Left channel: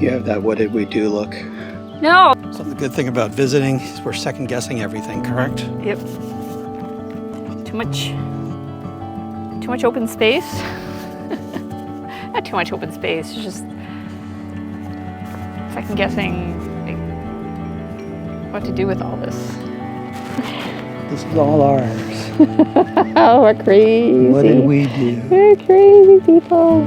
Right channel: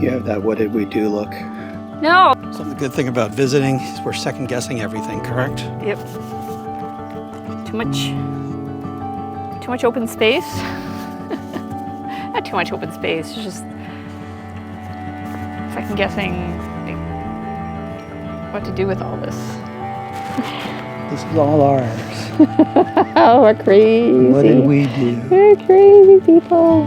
You have that what did we do look. No. So the good thing about visiting is we're second guessing everything, correct? Yep. Too much open space. Not too much open space, just second guessing what to do with all this. This is all ours. Oh, we're crazy. What did we do? We're crazy people.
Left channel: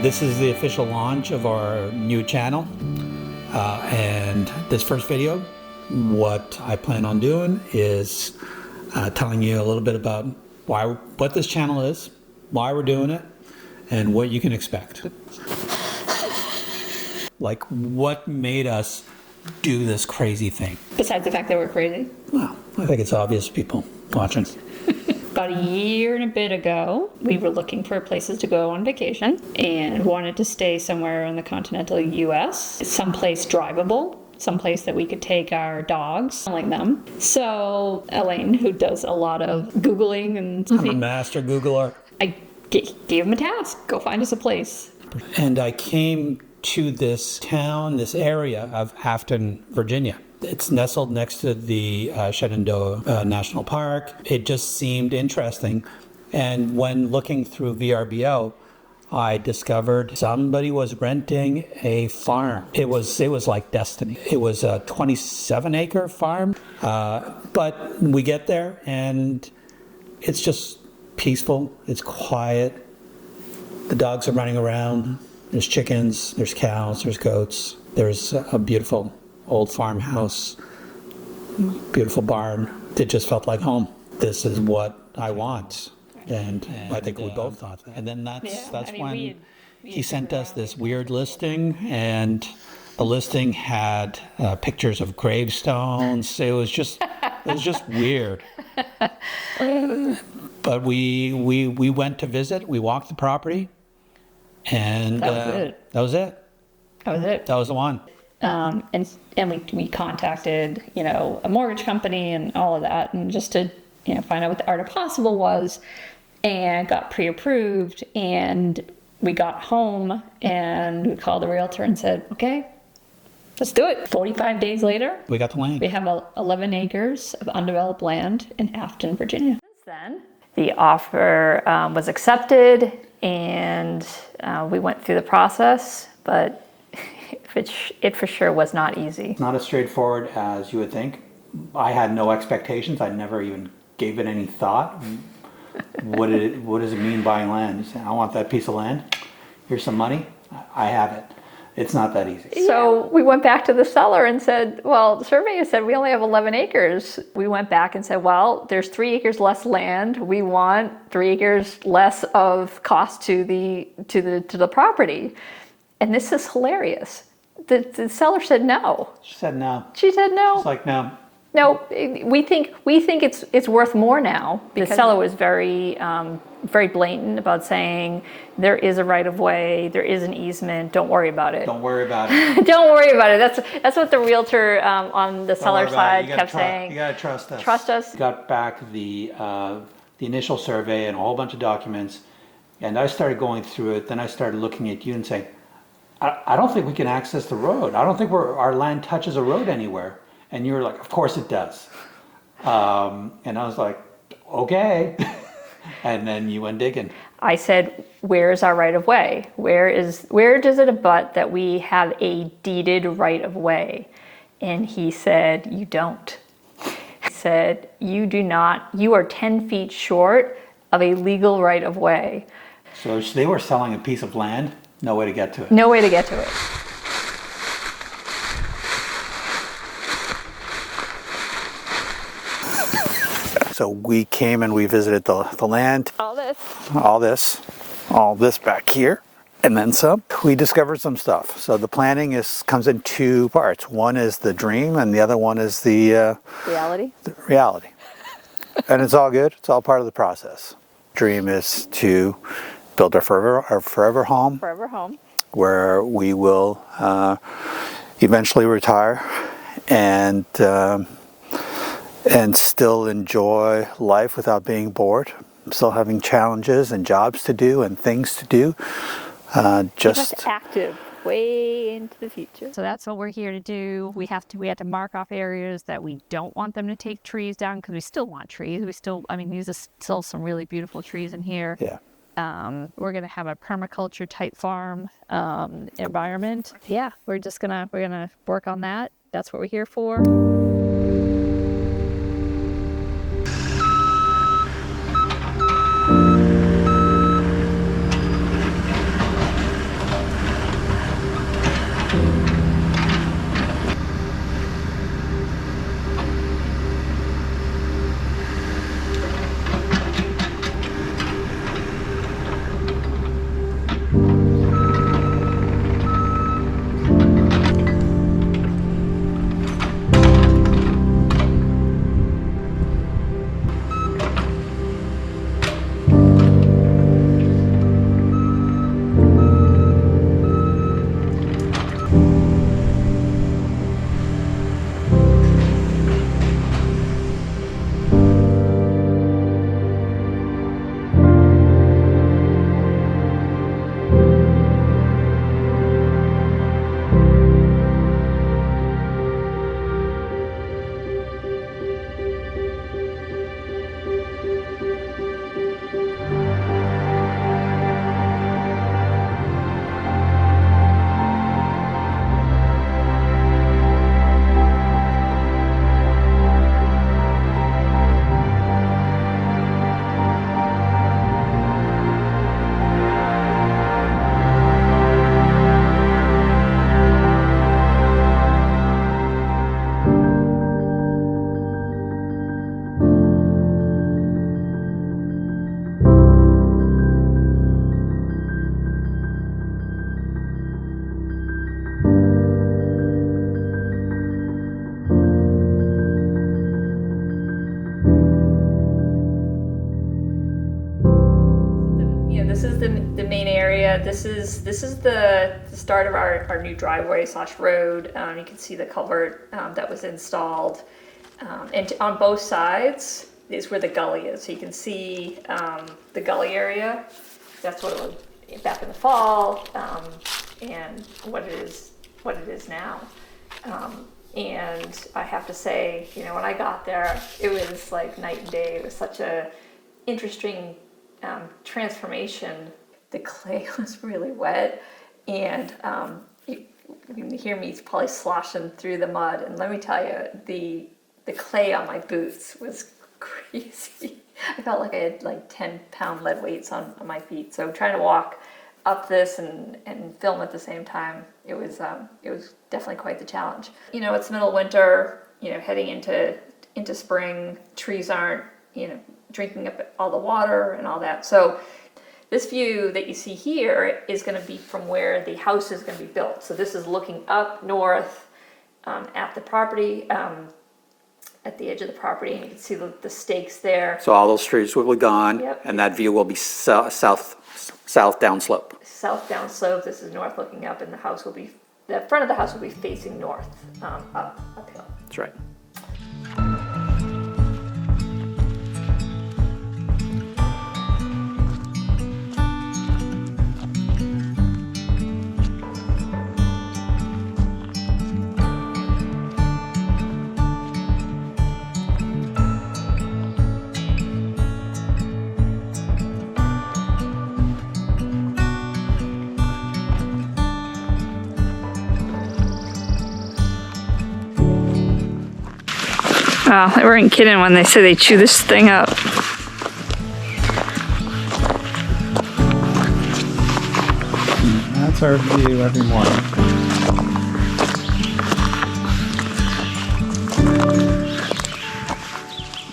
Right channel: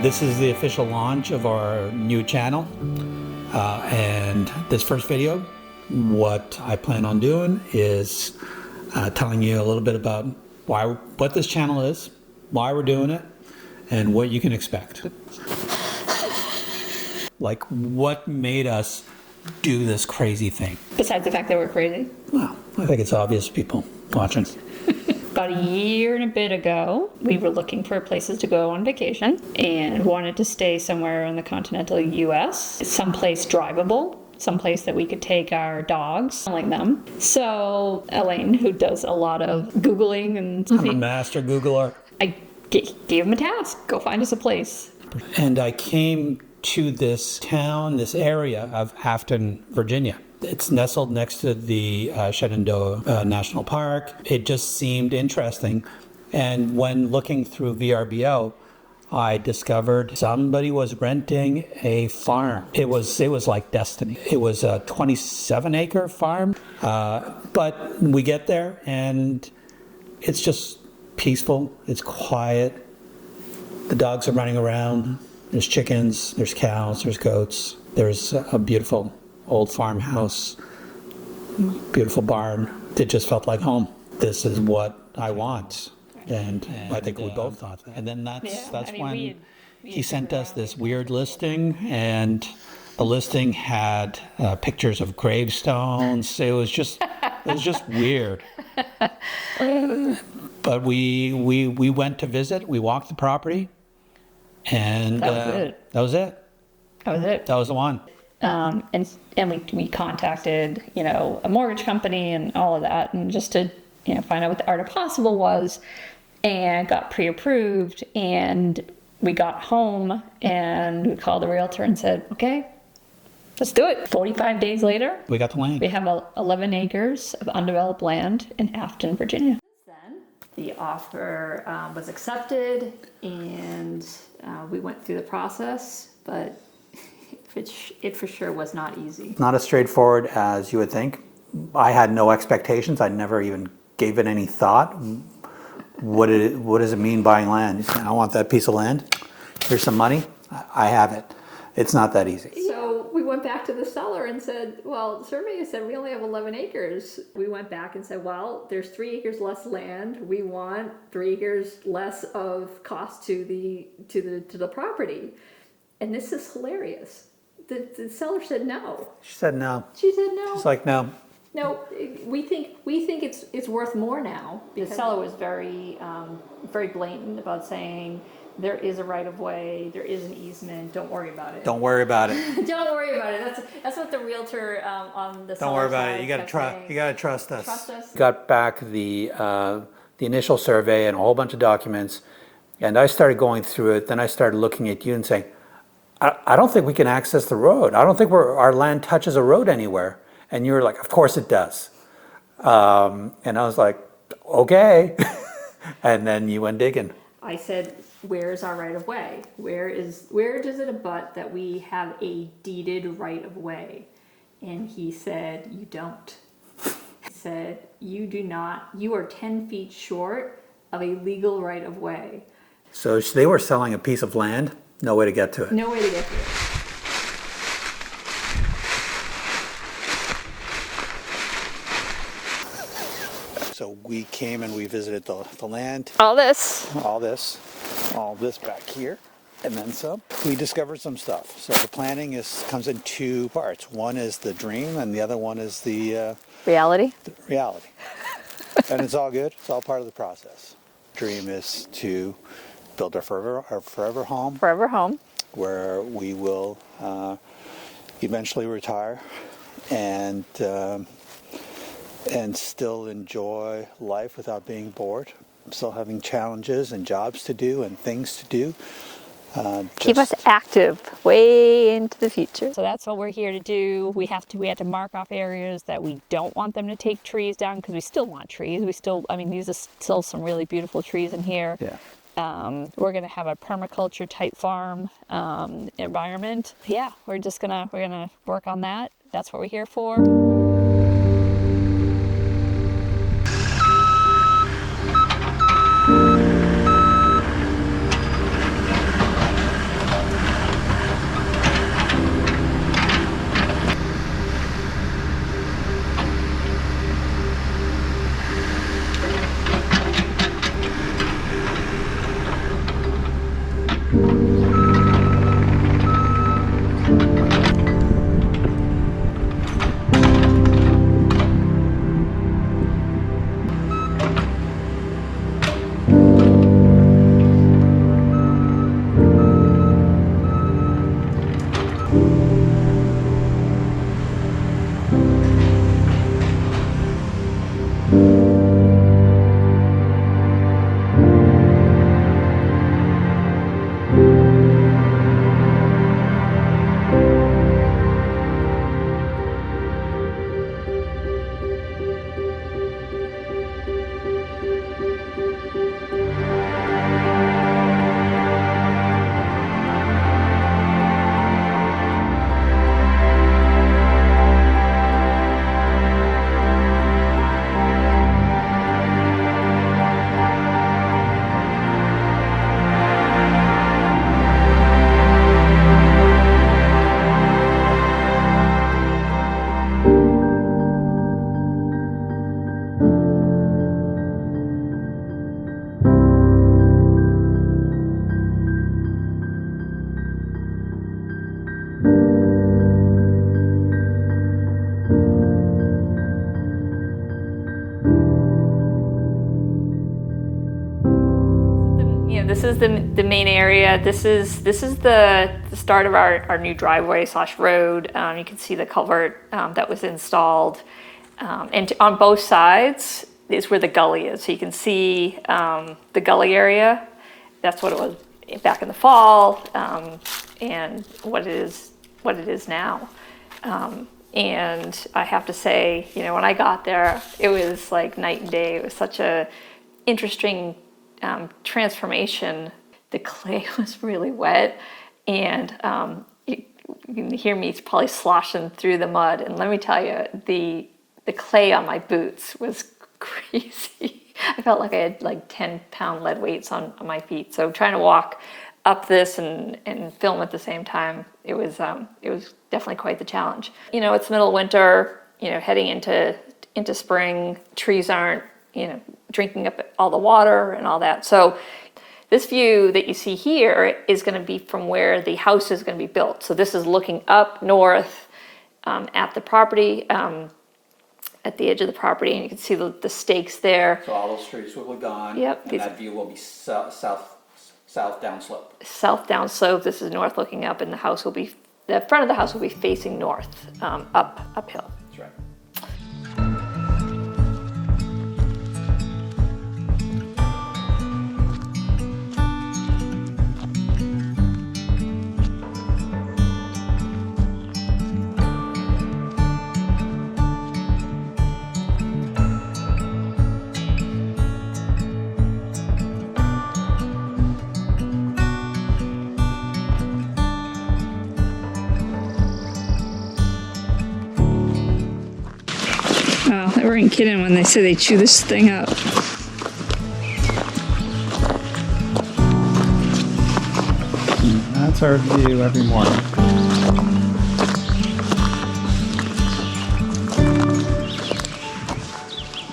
This is the official launch of our new channel. And this first video, what I plan on doing is telling you a little bit about what this channel is, why we're doing it, and what you can expect. Like, what made us do this crazy thing? Besides the fact that we're crazy. Well, I think it's obvious to people watching. About a year and a bit ago, we were looking for places to go on vacation and wanted to stay somewhere in the continental US, someplace drivable, someplace that we could take our dogs, like them. So Elaine, who does a lot of Googling and I'm a master Googler. I gave him a task, go find us a place. And I came to this town, this area of Afton, Virginia. It's nestled next to the Shenandoah National Park. It just seemed interesting. And when looking through VRBO, I discovered somebody was renting a farm. It was like destiny. It was a 27-acre farm. But we get there and it's just peaceful. It's quiet. The dogs are running around. There's chickens, there's cows, there's goats. There's a beautiful old farmhouse, beautiful barn. It just felt like home. This is what I want. And I think we both thought that. And then that's when he sent us this weird listing, and the listing had pictures of gravestones. It was just weird. But we went to visit. We walked the property, and that was it. That was the one. And we contacted, a mortgage company and all of that, and just to, find out what the art of possible was, and got pre-approved, and we got home and we called the realtor and said, okay, let's do it. 45 days later, we got the land. We have 11 acres of undeveloped land in Afton, Virginia. Since then, the offer was accepted, and we went through the process, but it for sure was not easy. Not as straightforward as you would think. I had no expectations. I never even gave it any thought. What does it mean buying land? You say, I want that piece of land. Here's some money. I have it. It's not that easy. So we went back to the seller and said, well, the surveyor said we only have 11 acres. We went back and said, well, there's 3 acres less land. We want 3 acres less of cost to the property. And this is hilarious. The seller said no. She said no. She said no. It's like, no. No, we think it's worth more now. The seller was very very blatant about saying there is a right of way, there is an easement. Don't worry about it. Don't worry about it. Don't worry about it. That's what the realtor on the seller side kept saying. You gotta trust us. Trust us. Got back the initial survey and a whole bunch of documents, and I started going through it. Then I started looking at you and saying, I don't think we can access the road. I don't think our land touches a road anywhere. And you were like, of course it does. And I was like, okay. And then you went digging. I said, where's our right of way? Where does it abut that we have a deeded right of way? And he said, you don't. He said, you do not. You are 10 feet short of a legal right of way. So they were selling a piece of land, no way to get to it. No way to get to it. So we came and we visited the land. All this back here, and then some. We discovered some stuff. So the planning comes in two parts. One is the dream, and the other one is the reality. And it's all good. It's all part of the process. Dream is to build our forever home. Forever home. Where we will eventually retire and still enjoy life without being bored. Still having challenges and jobs to do and things to do. Keep us active way into the future. So that's what we're here to do. We have to mark off areas that we don't want them to take trees down, because we still want trees. These are still some really beautiful trees in here. Yeah. We're gonna have a permaculture type farm environment. Yeah, we're gonna work on that. That's what we're here for. This is the main area. This is the start of our new driveway / road. You can see the culvert that was installed, and on both sides is where the gully is. So you can see the gully area. That's what it was back in the fall, and what it is now. And I have to say, when I got there, it was like night and day. It was such a interesting transformation. The clay was really wet, and you can hear me probably sloshing through the mud. And let me tell you, the clay on my boots was crazy. I felt like I had like 10-pound lead weights on my feet. So trying to walk up this and film at the same time, it was definitely quite the challenge. It's middle of winter, heading into spring. Trees aren't, drinking up all the water and all that. So This view that you see here is going to be from where the house is going to be built. So this is looking up north at the property, at the edge of the property, and you can see the stakes there. So all those trees will be gone. Yep. And that view will be south downslope. South downslope, this is north looking up, and the front of the house will be facing north, uphill. That's right. Wow, they weren't kidding when they say they chew this thing up. That's our view every morning.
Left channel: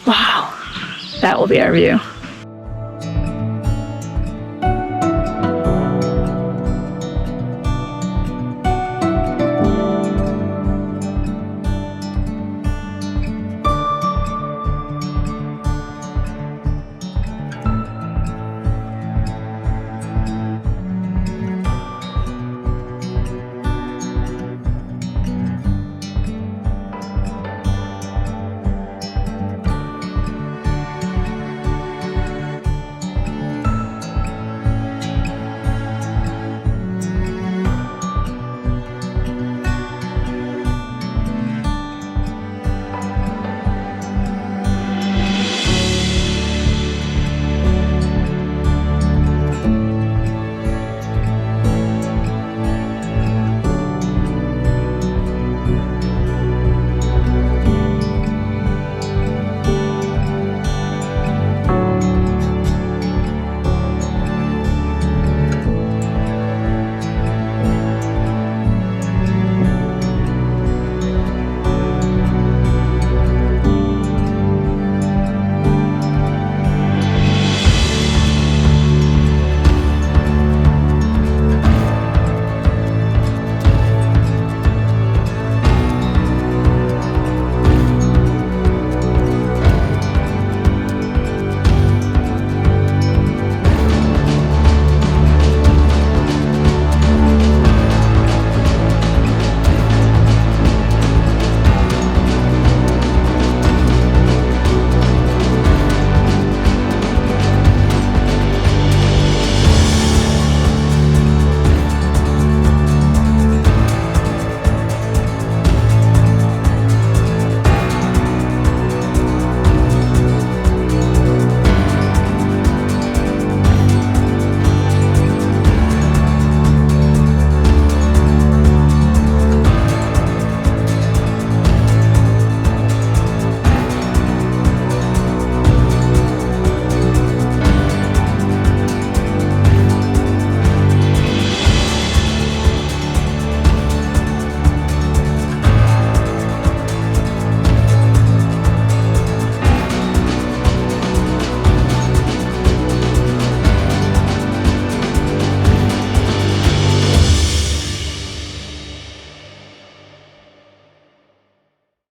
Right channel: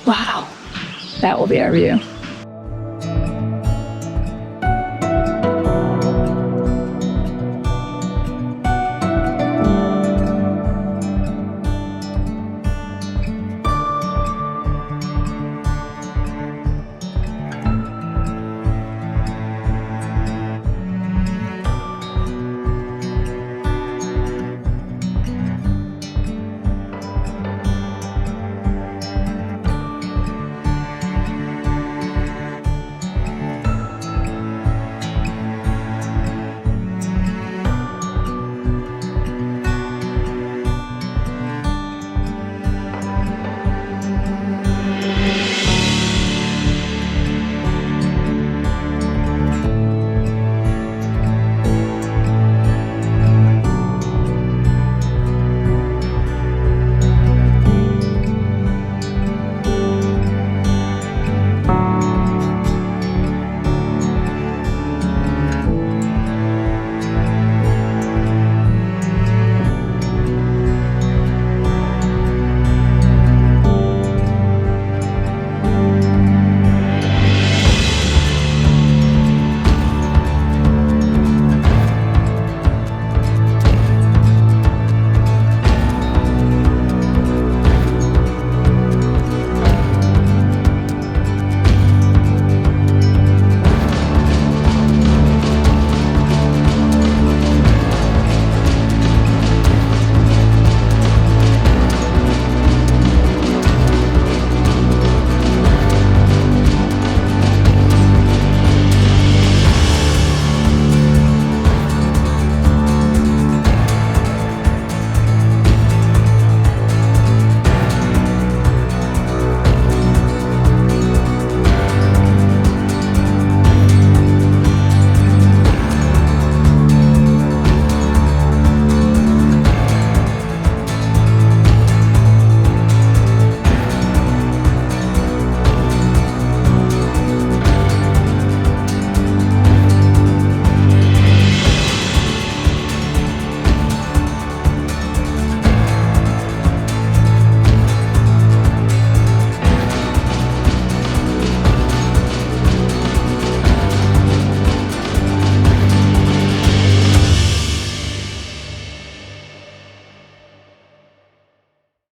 Wow, that will be our view.